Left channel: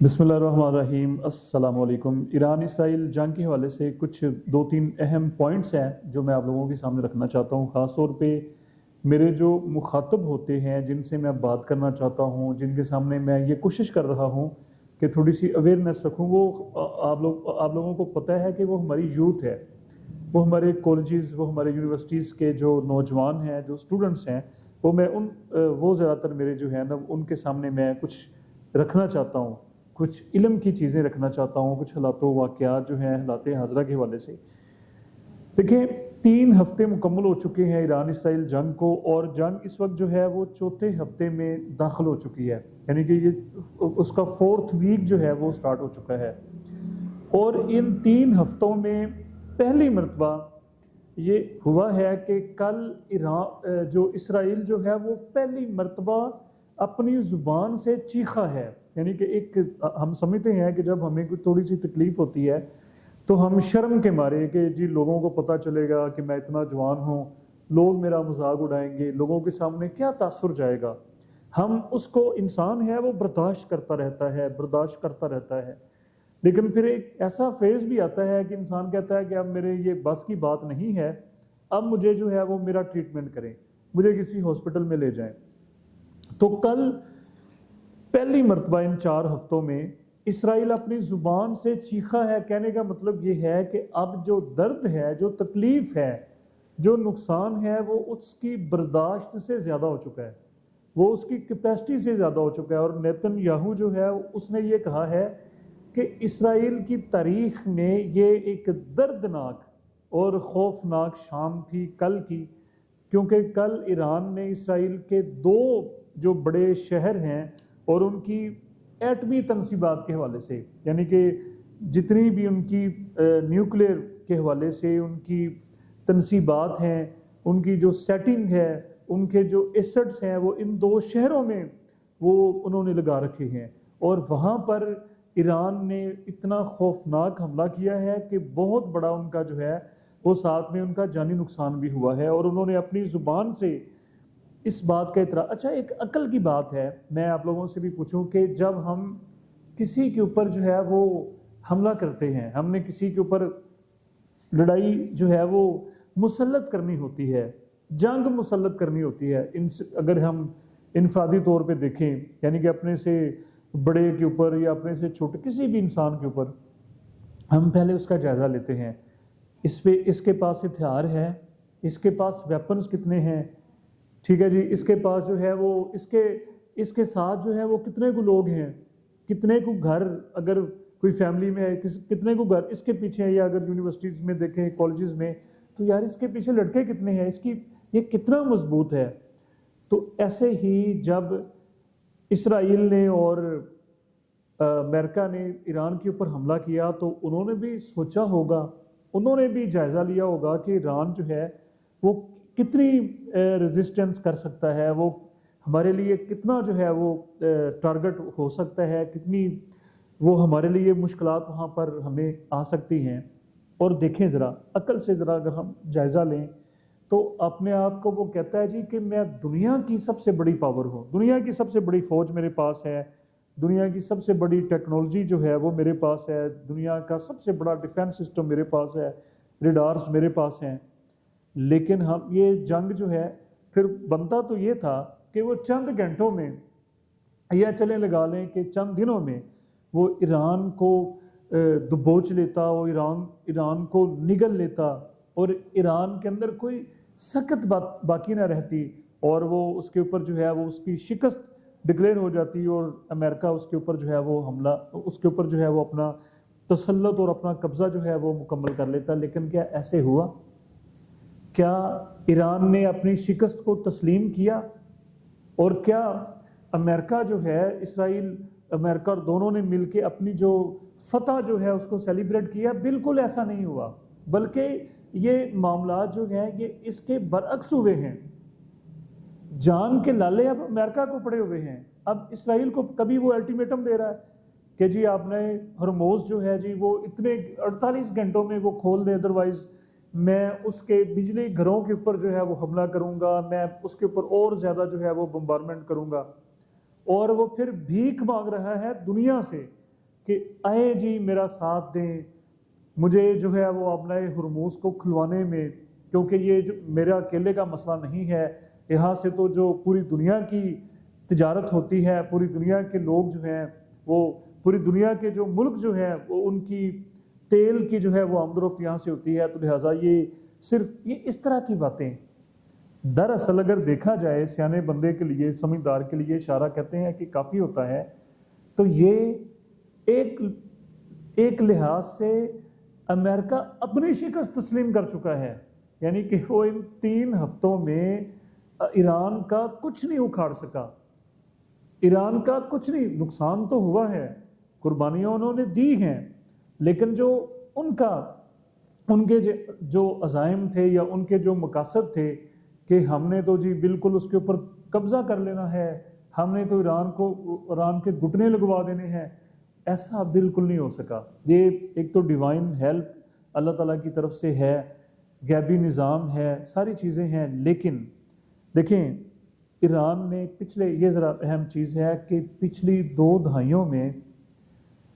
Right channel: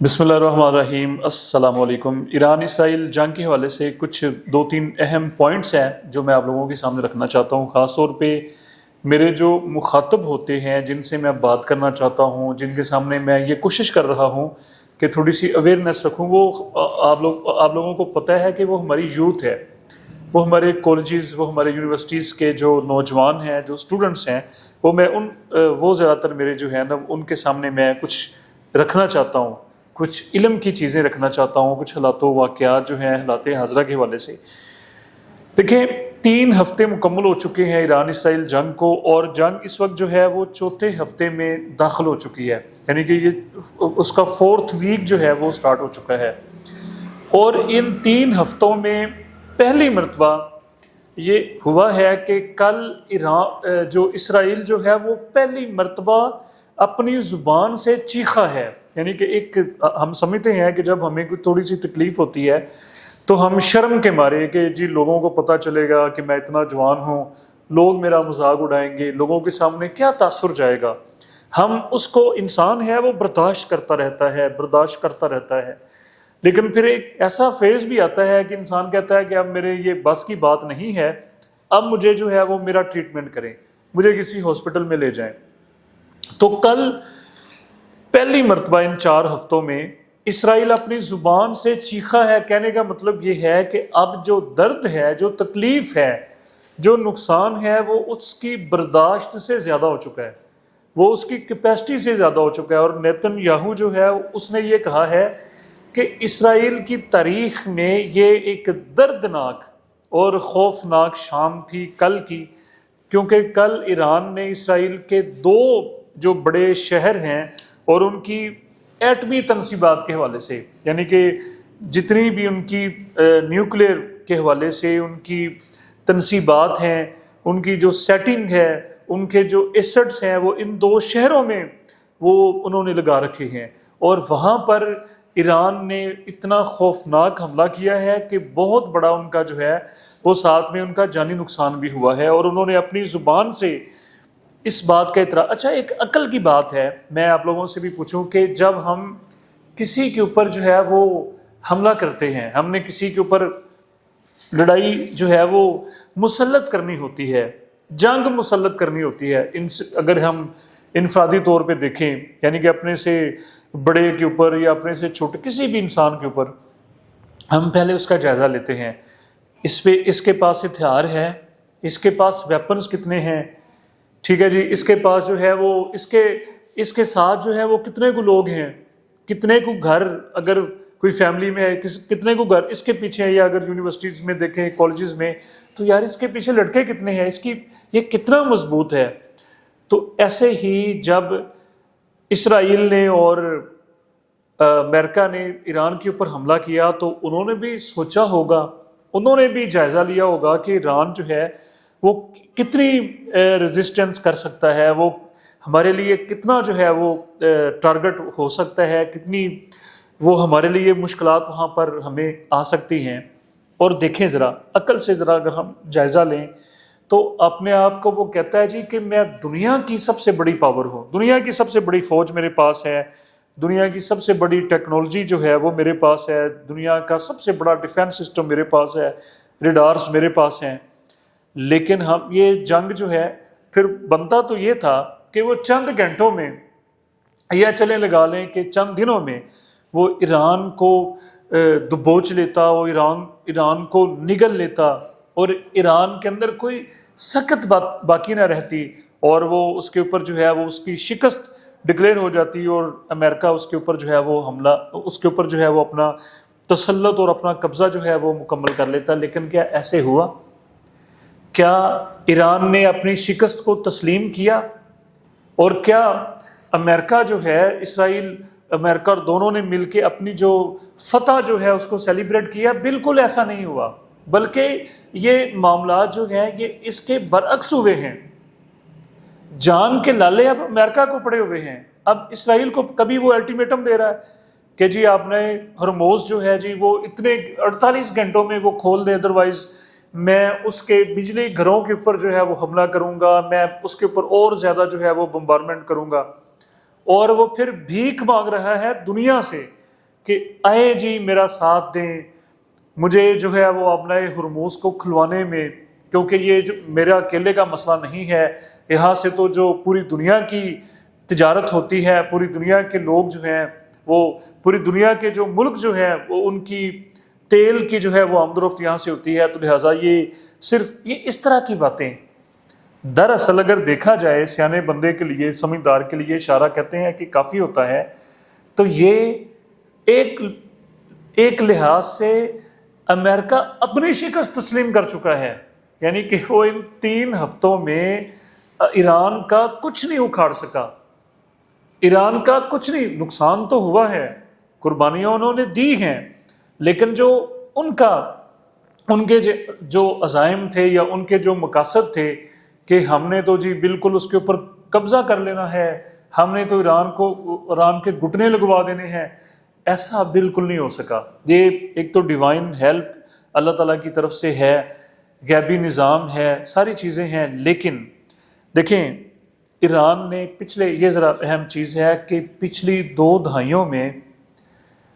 بسم اللہ الرحمن الرحیم۔ السلام علیکم۔ ایران اسرائیل جنگ کے حوالے سے کچھ دو تین اہم پوائنٹس ہیں جو میں آپ لوگوں کے سامنے رکھنا چاہتا ہوں، خاص طور پہ میرے جو مخاطب ہوتے ہیں جن سے میں بات کرنا چاہتا ہوں، جن کے سامنے میں یہ کوشش کر رہا ہوں کہ تھوڑی سی اویئرنیس رکھوں۔ وہ آپ لوگوں کو پتہ ہے کہ وہ ہماری یوتھ ہے، وہ ہمارے کالجز، وہ ہمارے یونیورسٹیز کے جو نوجوان ہیں، جو اسٹوڈنٹس ہیں، وہ زیادہ تر میرے جو ہیں نا ان کے سامنے میں کچھ رکھنا چاہتا ہوں، کچھ علم کی چیزیں رکھنا چاہتا ہوں، کچھ حالات و واقعات جو ہیں حالات حاضرہ کے حوالے سے۔ دیکھیں، 3 ہفتے مکمل ہو چکے ہیں ایران اسرائیل جنگ کو، اور جنگ اس وقت جو ہے وہ چوتھے ہفتے میں داخل ہو چکی ہے، یعنی کہ یہ اس کا 4تھ ویک جو ہے وہ سٹارٹ ہو چکا ہے۔ اور ان 3 ہفتوں میں پہلی مرتبہ یہ ہوا ہے کہ کل اسرائیل جو ہے وہ پہلی مرتبہ اپنی زبان سے چیخا ہے۔ یعنی کہ ہم سمجھتے ہیں کہ جب ہمیں کوئی تھوڑی سی تکلیف ہوتی ہے تو ہم شرم کے مارے کہ جی لوگوں کو پتہ چلے گا کہ میں اتنا جوان ہوں، لوگ میرا مذاق اڑائیں گے، لوگوں کے سامنے کیا تاثر جائے گا، ہم اس کو، انسان ہے وہ برداشت کرتا رہتا ہے۔ لیکن پھر ایک ایسا فیز بھی آتا ہے کہ انسان کہتا ہے کہ اب میرے یہ بس کی بات نہیں ہے، اب مجھے جو ہے وہ میرا ٹریٹمنٹ کریں، مجھے کسی ہاسپٹل میں لے جائیں۔ تو کل پہلی مرتبہ ان 4 ہفتوں میں اسرائیل اپنی زبان سے چیخا ہے۔ کہنے کا مطلب یہ ہے کہ اب جو درد ہے، جو تکلیف ہے، جو نقصان ہے، وہ اس کی برداشت سے زیادہ ہو چکا ہے، وہ اس کی کیپیسٹی سے زیادہ ہو چکا ہے۔ اور نیتن یاہو جو ہے اس نے یہ کہا ہے کہ اسرائیل کی تاریخ میں یہ ایک دردناک اور خوفناک شام تھی کل کی، کیونکہ کل ایران نے اسرائیل کے 2 جو بڑے شہر ہیں اور ان کی ایٹمی تنصیبات کے حوالے سے، یعنی کہ جتنی بھی ان کی نیوکلیئر کے حوالے سے ان کی تنصیبات ہیں، ان کی جو سیٹنگ ہے، ان کے جو ایسٹس ہیں، وہ ان 2 شہروں میں وہ انہوں نے لگا رکھے ہیں۔ اور وہاں پر ایران نے اتنا خوفناک حملہ کیا ہے کہ بہت بڑا ان کا جو ہے وہ ساتھ میں ان کا جانی نقصان بھی ہوا ہے، اور انہوں نے اپنی زبان سے اس بات کا اعتراف۔ اچھا، ایک عقل کی بات ہے، میں آپ لوگوں سے بھی پوچھوں کہ جب ہم کسی کے اوپر جو ہے وہ حملہ کرتے ہیں، ہم نے کسی کے اوپر لڑائی جو ہے وہ مسلط کرنی ہوتی ہے، جنگ مسلط کرنی ہوتی ہے، اگر ہم انفرادی طور پہ دیکھیں، یعنی کہ اپنے سے بڑے کے اوپر یا اپنے سے چھوٹے کسی بھی انسان کے اوپر، ہم پہلے اس کا جائزہ لیتے ہیں، اس کے پاس ہتھیار ہے، اس کے پاس ویپنز کتنے ہیں، ٹھیک ہے جی، اس کے پاس جو ہے وہ اس کے ساتھ جو ہے وہ کتنے کو لوگ ہیں، کتنے کو گھر، اگر کوئی فیملی میں ہے کتنے کو گھر اس کے پیچھے ہے، یا اگر یونیورسٹیز میں دیکھیں، کالجز میں، تو یار اس کے پیچھے لڑکے کتنے ہیں، یہ کتنا مضبوط ہے۔ تو ایسے ہی جب اسرائیل نے اور امریکہ نے ایران کے اوپر حملہ کیا تو انہوں نے بھی سوچا ہوگا، انہوں نے بھی جائزہ لیا ہوگا کہ ایران جو ہے وہ کتنی ریزسٹنس کر سکتا ہے، وہ ہمارے لیے کتنا جو ہے وہ ٹارگٹ ہو سکتا ہے، کتنی وہ ہمارے لیے مشکلات وہاں پر ہمیں آ سکتی ہیں۔ اور دیکھیں ذرا عقل سے، ذرا اگر ہم جائزہ لیں تو اپنے آپ کو وہ کہتا ہے جی کہ میں دنیا کی سب سے بڑی پاور ہوں، دنیا کی سب سے بڑی فوج میرے پاس ہے، دنیا کی سب سے بڑی ٹیکنالوجی جو ہے وہ میرے پاس ہے، دنیا کا سب سے بڑا ڈیفینس سسٹم میرے پاس ہے، ریڈارز میرے پاس ہیں۔ لیکن ہم یہ جنگ جو ہے پھر بنتا تو یہ تھا کہ وہ چند گھنٹوں میں، یا چلیں لگا لیں کہ چند دنوں میں، وہ ایران کو دبوچ لیتا، وہ ایران کو نگل لیتا، اور ایران کے اندر کوئی سخت بات باقی نہ رہتی، اور وہ اس کے اوپر جو ہے وہ اس کی شکست ڈکلیئر ہو جاتی، اور امریکہ اس کے اوپر جو ہے وہ حملہ، اس کے اوپر جو ہے وہ اپنا تسلط اور اپنا قبضہ جو ہے وہ مکمل کر لیتا۔ لیکن کیا ایسے ہوا؟ کیا ایران نے اپنی شکست کو تسلیم کیا؟ اور کیا امریکہ جو ہے، اسرائیل امریکہ اور دونوں نے مل کے اپنی جو فتح جو ہے اس کو سیلیبریٹ کیا؟ بالکل ایسا نہیں ہوا، بلکہ یہ معاملات جو ہیں یہ اس کے برعکس ہوئے ہیں۔ جان کے لالے اب امریکہ کو پڑے ہوئے ہیں۔ اب اسرائیل کو کبھی وہ الٹیمیٹم دے رہا ہے کہ جی آپ نے ہرموز جو ہے جی وہ اتنے 48 گھنٹوں میں وہ کھول دے، ادروائز میں اس کے بجلی گھروں کے اوپر جو ہے وہ حملہ کروں گا، میں اس کے اوپر اور زیادہ جو ہے وہ بمبارمنٹ کروں گا۔ اور وہ پھر بھیک مانگ رہا ہے دنیا سے کہ آئے جی میرا ساتھ دیں، مجھے جو ہے وہ ابنائے ہرموز کو کھلوانے میں، کیونکہ یہ جو میرا اکیلے کا مسئلہ نہیں ہے، یہاں سے تو جو پوری دنیا کی تجارت ہوتی ہے، پوری دنیا کے لوگ جو ہیں وہ، پوری دنیا کے جو ملک جو ہے وہ ان کی تیل کی جو ہے وہ آمد و رفت یہاں سے ہوتی ہے، تو لہٰذا یہ صرف یہ اس طرح کی باتیں دراصل اگر دیکھا جائے سیانے بندے کے لیے، سمجھدار کے لیے، اشارہ کہتے ہیں کہ کافی ہوتا ہے، تو یہ ایک لحاظ سے امریکہ اپنی شکست تسلیم کر چکا ہے، یعنی کہ وہ ان 3 ہفتوں میں ایران کا کچھ نہیں اکھاڑ سکا، ایران کا کچھ نہیں، نقصان تو ہوا ہے، قربانیاں انہوں نے دی ہیں، لیکن جو ان کے جو عزائم تھے یا ان کے جو مقاصد تھے کہ ہم نے تو جی بالکل اس کے اوپر قبضہ کر لینا ہے، ہم نے تو ایران کے گھٹنے لگوا دینے ہیں، ایسا بالکل نہیں ہو سکا۔ یہ ایک تو ڈیوائن ہیلپ اللہ تعالیٰ کی طرف سے ہے، غیبی نظام ہے، ساری چیزیں ہیں، لیکن دیکھیں ایران نے یہ ذرا اہم چیز ہے کہ پچھلی 2 دہائیوں میں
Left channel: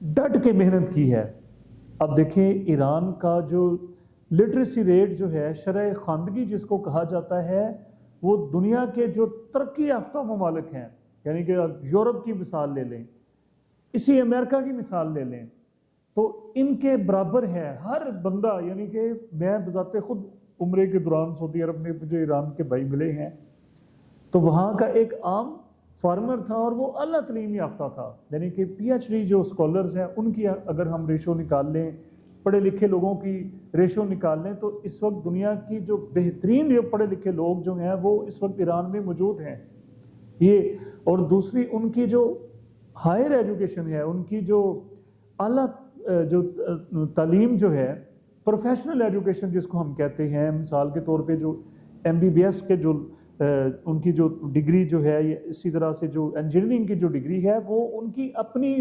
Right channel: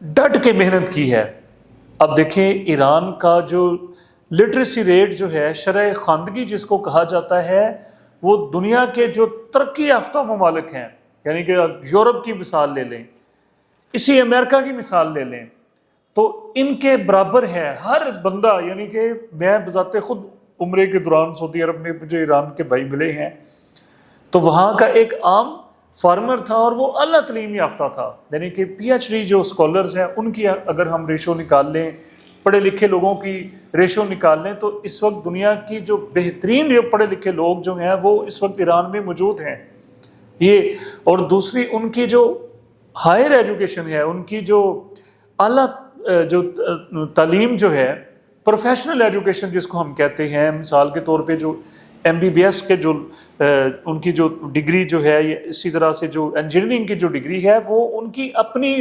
ڈٹ کے محنت کی ہے۔ اب دیکھیں ایران کا جو لٹریسی ریٹ جو ہے، شرح خواندگی جس کو کہا جاتا ہے، وہ دنیا کے جو ترقی یافتہ ممالک ہیں، یعنی کہ یورپ کی مثال لے لیں، اسی امریکہ کی مثال لے لیں، تو ان کے برابر ہے ہر بندہ، یعنی کہ میں بذات خود عمرے کے دوران سعودی عرب میں مجھے ایران کے بھائی ملے ہیں، تو وہاں کا ایک عام فارمر تھا اور وہ اعلیٰ تعلیم یافتہ تھا، یعنی کہ پی ایچ ڈی جو اسکالرز ہیں ان کی اگر ہم ریشو نکال لیں، پڑھے لکھے لوگوں کی ریشو نکال لیں، تو اس وقت دنیا کی جو بہترین جو پڑھے لکھے لوگ جو ہیں وہ اس وقت ایران میں موجود ہیں۔ یہ اور دوسری ان کی جو ہائر ایجوکیشن ہے، ان کی جو اعلیٰ جو تعلیم جو ہے، پروفیشنل ایجوکیشن جس کو ہم کہتے ہیں، مثال کے طور پہ جو ایم بی بی ایس کے جو ان کی جو ڈگری جو ہے، اسی طرح سے جو انجینئرنگ کی جو ڈگری ہے وہ ان کی اپنی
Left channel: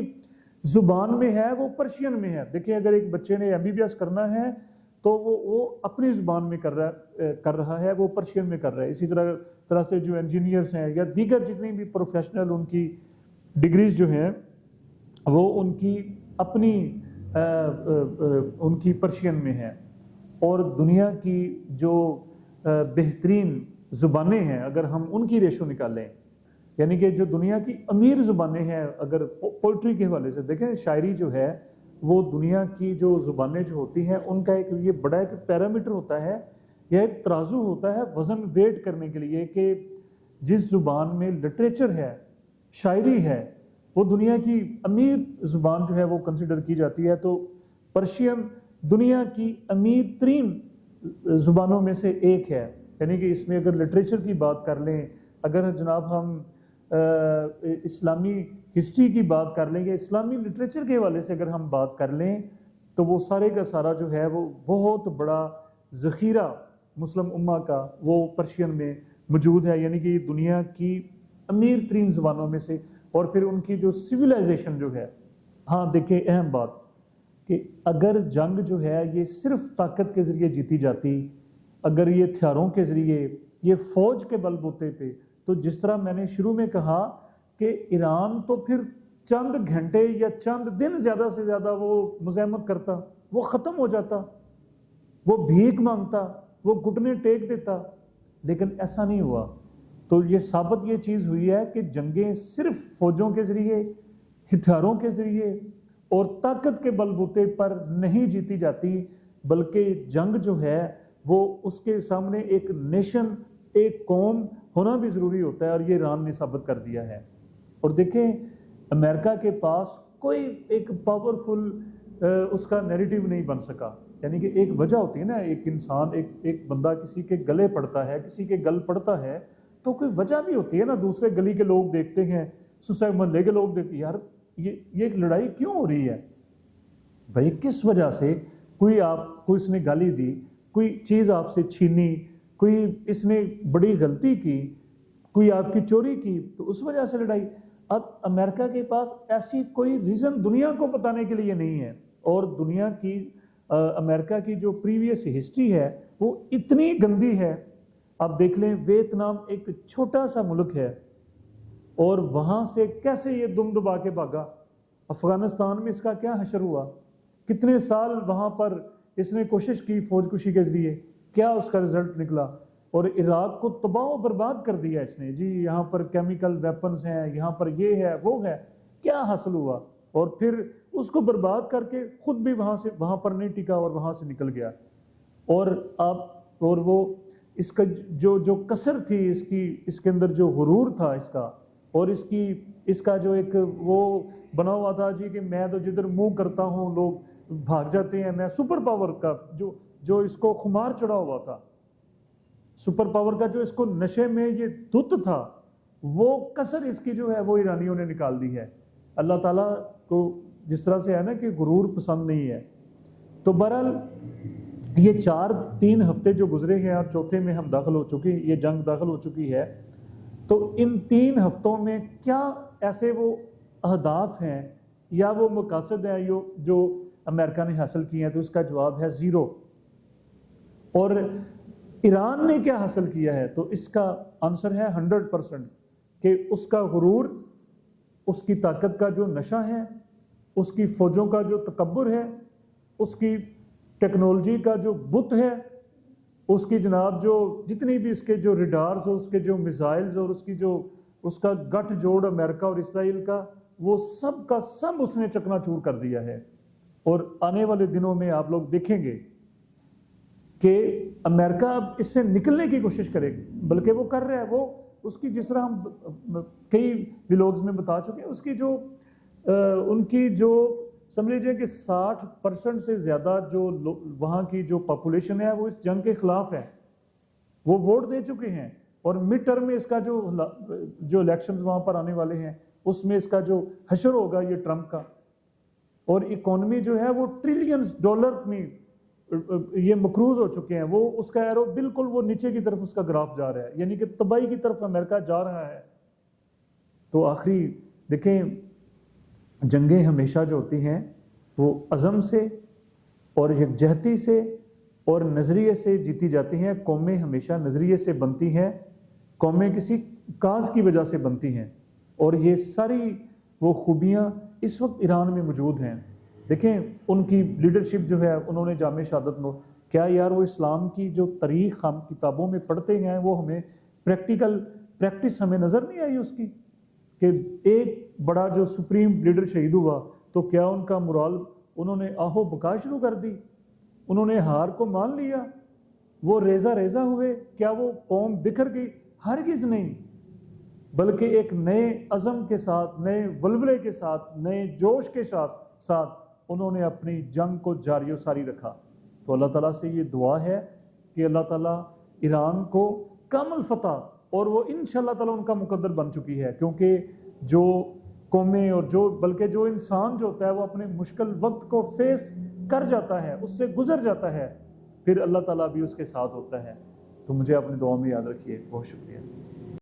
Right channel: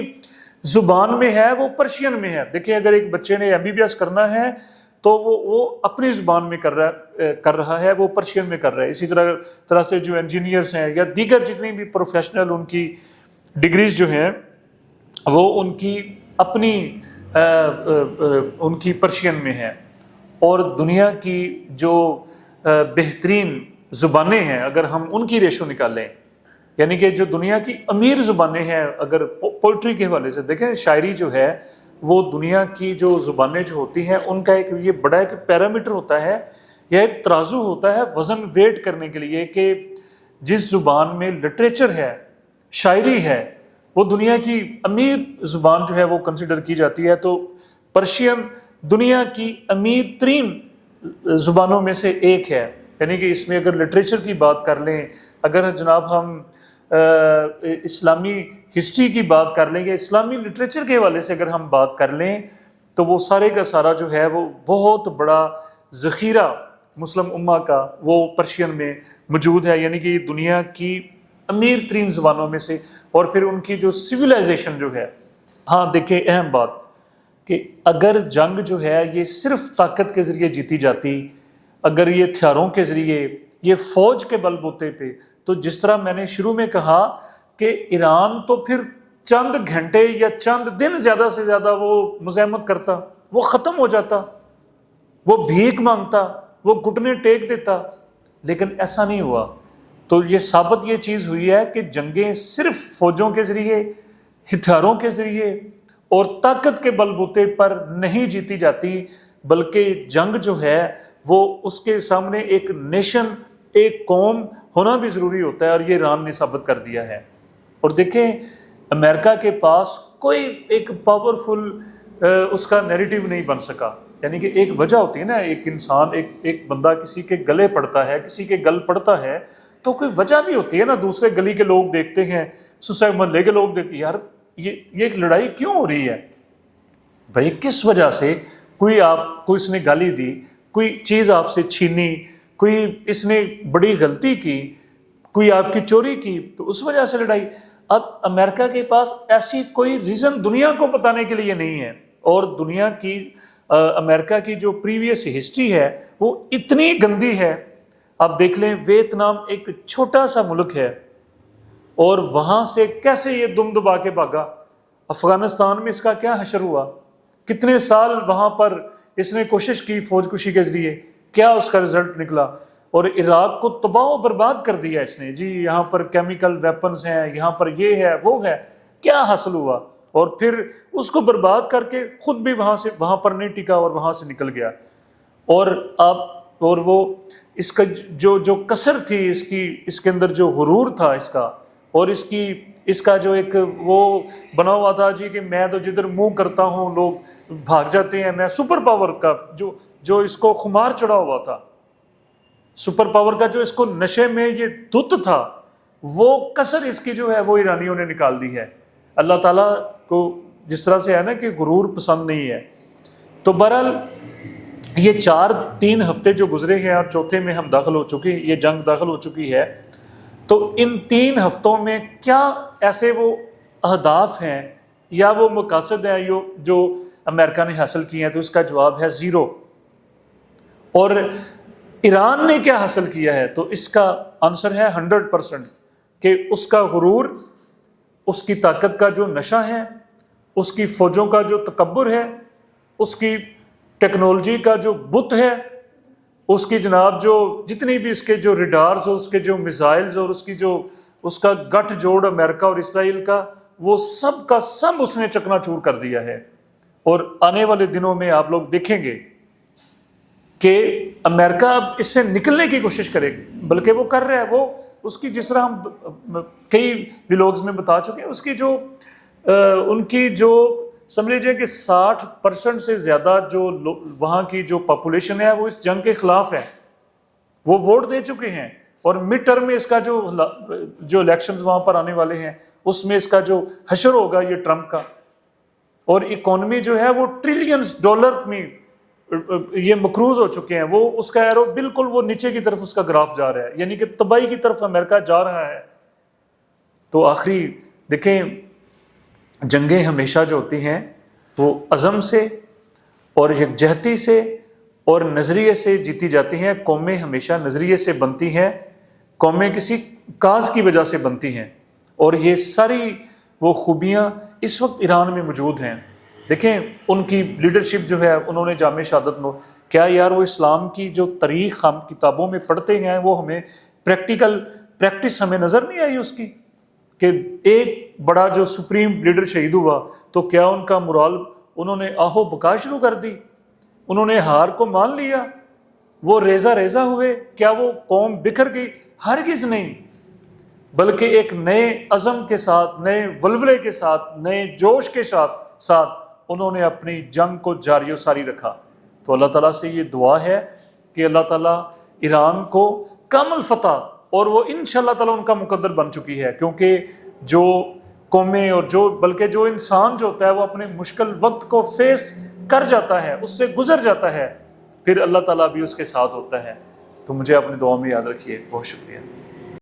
زبان میں ہے، وہ پرشین میں ہے۔ دیکھیں اگر ایک بچے نے ایم بی بی ایس کرنا ہے تو وہ اپنی زبان میں کر رہا ہے، وہ پرشین میں کر رہا ہے۔ اسی طرح سے جو انجینئرز ہیں یا دیگر جتنی بھی پروفیشنل ان کی ڈگریز جو ہیں وہ ان کی اپنی ان کی پرشین میں ہے۔ اور دنیا کی جو بہترین زبانیں ہیں اگر ہم ان کی ریشو نکالیں، یعنی کہ جو دنیا کی امیر زبانیں ہیں، اگر پوئٹری کے حوالے سے دیکھیں، شاعری جو ہے وہ دنیا کی جو زبانیں جو ہوتی ہیں ان کا ایک یہ بڑا ایک پیرامیٹر ہوتا ہے یا ایک ترازو ہوتا ہے وزن ویٹ کرنے کے لیے، کہ جس زبان میں لٹریچر ہے، شاعری ہے، وہ دنیا کی امیر زبان جو ہے وہ کنسیڈر کی جاتی ہے۔ تو پرشین دنیا کی امیر ترین زبانوں میں سے ایک ہے، یعنی کہ اس میں اگر لٹریچر کی بات کر لیں، اگر جناب ہم اسلامی ہسٹری کی بات کر لیں یا اسلامی لٹریچر کے حوالے سے اگر ہم بات کر لیں، تو وہ سارے کا سارا جو ہے وہ بہت بڑا ذخیرہ مسلم امہ کا وہ پرشین میں موجود ہے، یعنی کہ دنیا کی امیر ترین زبانوں میں سے۔ اور پھر ان کی جو سویلائزیشن جو ہے، ہاں دیکھیں اہم بات کہ اگر جنگ جو ہے یہ صرف طاقت کے ذریعے جیتی جاتی، اگر یہ ہتھیاروں کے ذریعے، یہ فوج کے بل بوتے پہ، تو جس طرح میں نے شروع میں کہا کہ ایران تو پھر چند گھنٹے یا چند دن زیادہ سے زیادہ وہ مزاحمت کرتا، وہ ختم ہو جاتا، وہ بھیک مانگتا، وہ گھٹنے ٹیک دیتا، لیکن ایسا نہیں ہوا۔ تو یہ ثابت یہ چیز ہوئی ہے کہ جنگیں صرف فوجوں کے ذریعے، ہتھیاروں کے ذریعے اور طاقت کے بل بوتے پر نہیں جیتی جاتی، بلکہ جنگ جو ہے وہ اس کے سامنے ایک نیشن، ایک قوم ہونا بھی ضروری ہوتا ہے، اور یہ ایران نے ثابت کر دیا ہے۔ اور دیکھیں امریکہ کے پاس کوئی ایک پاورفل اس کا نیریٹو نہیں بن سکا، یعنی کہ ایک وجہ ہوتی ہے نا، ایک انسان ایک بندہ کسی کے گلے پڑتا ہے، کسی کے گل پڑتا ہے تو کوئی وجہ بھی ہوتی ہے نا، دوسرے گلی کے لوگ دیکھتے ہیں، سوسائٹی محلے کے لوگ دیکھتے ہیں، یار یہ لڑائی کیوں ہو رہی ہے بھائی، کس وجہ سے، کوئی اس نے گالی دی، کوئی چیز آپ سے چھینی، کوئی اس نے بڑی غلطی کی، کوئی آپ کی چوری کی، تو اس وجہ سے لڑائی۔ اب امریکہ کے پاس ایسی کوئی ریزن دنیا کو بتانے کے لیے نہیں ہے، اور دنیا کی امریکہ کی جو پریویس ہسٹری ہے وہ اتنی گندی ہے۔ آپ دیکھ لیں ویتنام ایک چھوٹا سا ملک ہے، اور وہاں سے کیسے یہ دم دبا کے بھاگا۔ افغانستان میں اس کا کیا حشر ہوا، کتنے سال وہاں پر اس نے کوشش کی فوج کشی کے ذریعے، کیا اس کا رزلٹ نکلا، اور عراق کو تباہ و برباد کر دیا اس نے، جی یہاں پر کیمیکل ویپنز ہیں، یہاں پر یہ ہے وہ ہے، کیا حاصل ہوا، اور پھر اس کو برباد کر کے خود بھی وہاں پر نہیں ٹکا اور وہاں سے نکل گیا۔ اور وہ اس کا جو کسر تھی اس کے اندر جو غرور تھا اس کا، اور اس کا جو ایک وہ بنا ہوا تھا جی کہ میں تو جدھر منہ کرتا ہوں لوگ بھاگ جاتے ہیں، میں سپر پاور کا جو اس کو خمار چڑھا ہوا تھا، سپر پاور کا جو اس کو نشے میں یہ دھت تھا، وہ کسر اس کی جو ہے وہ ایرانیوں نے نکال دی ہے۔ اللہ تعالیٰ کو جس طرح سے ہے نا کہ غرور پسند نہیں ہے۔ تو بہرحال یہ 3 ہفتے جو گزرے ہیں اور چوتھے میں ہم داخل ہو چکے، یہ جنگ داخل ہو چکی ہے، تو ان 3 ہفتوں میں کیا ایسے وہ اہداف ہیں یا وہ مقاصد ہیں جو امریکہ نے حاصل کیے ہیں؟ تو اس کا جواب ہے 0۔ اور ایران نے کیا حاصل کیا ہے؟ تو اس کا آنسر ہے 100%، کہ اس کا غرور، اس کی طاقت کا جو نشہ ہے، اس کی فوجوں کا جو تکبر ہے، اس کی ٹیکنالوجی کا جو بت ہے، اس کی جناب جو جتنی بھی اس کے جو ریڈارز اور اس کے جو میزائلز اور اس کا گٹھ جوڑ امریکہ اور اسرائیل کا، وہ سب کا سب اس نے چکنا چور کر دیا ہے۔ اور آنے والے دنوں میں آپ لوگ دیکھیں گے کہ امریکہ اب اس سے نکلنے کی کوشش کرے گی، بلکہ وہ کر رہا ہے۔ وہ اس کی جس طرح ہم کئی ویلوگز میں بتا چکے ہیں، اس کی ان کی جو سمجھ لیجیے کہ 60% سے زیادہ جو وہاں کی جو پاپولیشن ہے وہ اس جنگ کے خلاف ہے، وہ ووٹ دے چکے ہیں۔ اور مڈ ٹرم میں اس کا جو الیکشنز وہاں پر آنے والے ہیں، اس میں اس کا جو حشر ہوگا یہ ٹرمپ کا، اور اکانومی جو ہے وہ ٹریلینز ڈالر میں یہ مقروض ہو چکے ہیں، وہ اس کا ایرو بالکل وہ نیچے کی طرف اس کا گراف جا رہا ہے، یعنی کہ تباہی کی طرف امریکہ جا رہا ہے۔ تو آخری دیکھیں، جنگیں ہمیشہ جو ہوتی ہیں وہ عزم سے اور یکجہتی سے اور نظریے سے جیتی جاتی ہیں۔ قومیں ہمیشہ نظریے سے بنتی ہیں، قومیں کسی کاز کی وجہ سے بنتی ہیں، اور یہ ساری وہ خوبیاں اس وقت ایران میں موجود ہیں۔ دیکھیں ان کی لیڈرشپ جو ہے، انہوں نے جامع شہادت کیا یار، وہ اسلام کی جو تاریخ ہم کتابوں میں پڑھتے ہیں وہ ہمیں پریکٹس ہمیں نظر نہیں آئی اس کی، کہ ایک بڑا جو سپریم لیڈر شہید ہوا تو کیا ان کا مرال انہوں نے آہو بکا شروع کر دی، انہوں نے ہار کو مان لیا، وہ ریزہ ہوئے، کیا وہ قوم بکھر گئی؟ ہرگز نہیں، بلکہ ایک نئے عزم کے ساتھ، نئے ولولے کے ساتھ، نئے جوش کے ساتھ انہوں نے اپنی جنگ کو جاری و ساری رکھا۔ تو اللہ تعالیٰ سے یہ دعا ہے کہ اللہ تعالیٰ ایران کو کامل فتح، اور وہ انشاءاللہ تعالیٰ ان کا مقدر بن چکی ہے، کیونکہ جو قومیں اور بلکہ جو انسان جو ہوتا ہے وہ اپنے مشکل وقت کو فیس کر جاتا ہے، اس سے گزر جاتا ہے، پھر اللہ تعالیٰ بھی اس کے ساتھ ہوتا ہے۔ تو مجھے اپنی دعا میں یاد رکھیے۔ بہت شکریہ۔